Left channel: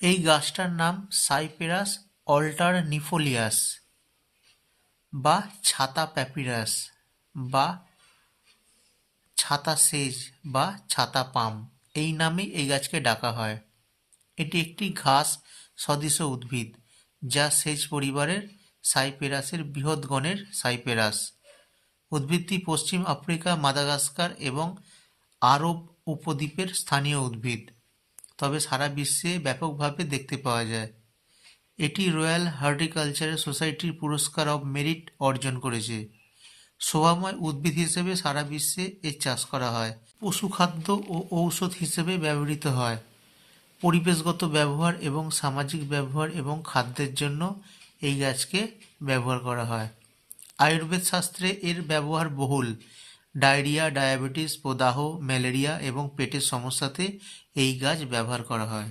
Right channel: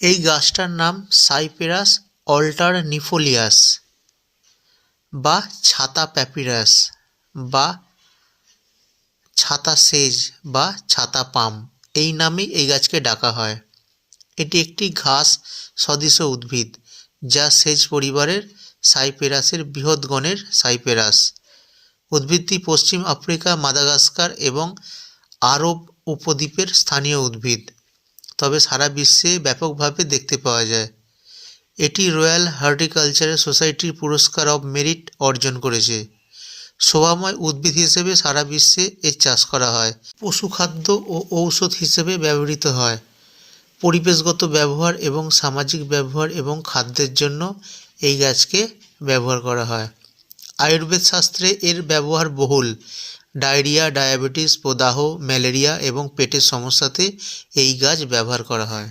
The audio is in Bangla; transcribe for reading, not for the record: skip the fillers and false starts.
এই গাছটার নাম সাইপেরাস অল্টারনিফোলিয়াস বা ছাতা প্যাপিরাস বা ছাতা সেজ বা ছাতা পাম, এই নামেই এই গাছকে ডাকা হয়। এটি একটি ঘাস সদৃশ উদ্ভিদ যা সেজ পরিবারের সাইপেরাসের বৃহৎ গণের সাইপেরাস। উদ্ভিদটি পশ্চিম আফ্রিকা, মাদাগাস্কার এবং আরব উপদ্বীপের স্থানীয় উদ্ভিদ, তবে সারা বিশ্বে ব্যাপকভাবে দেখতে পাওয়া যায়। এটি রয়্যাল হর্টিকালচারাল সোসাইটির পুরস্কার অব মেরিট অর্জন করেছে। শোভাময় উদ্ভিদ হিসেবে সারা বিশ্বে এর চাষ করা হয়। পশুখাদ্য ও ঔষধ হিসেবে ব্যবহৃত হয়। পরিবেশগত ব্যবহার এবং সামাজিক ব্যবহার এবং খাদ্যের জন্য এই গাছকে ব্যবহার করা হয়। আয়ুর্বেদ শাস্ত্রে এর ব্যবহার বহুল। ডায়রিয়া, ডায়াবেটিস, প্রদাহ, ম্যালেরিয়া এবং পেটের সমস্যাতে এই গাছ ব্যবহার করা হয়।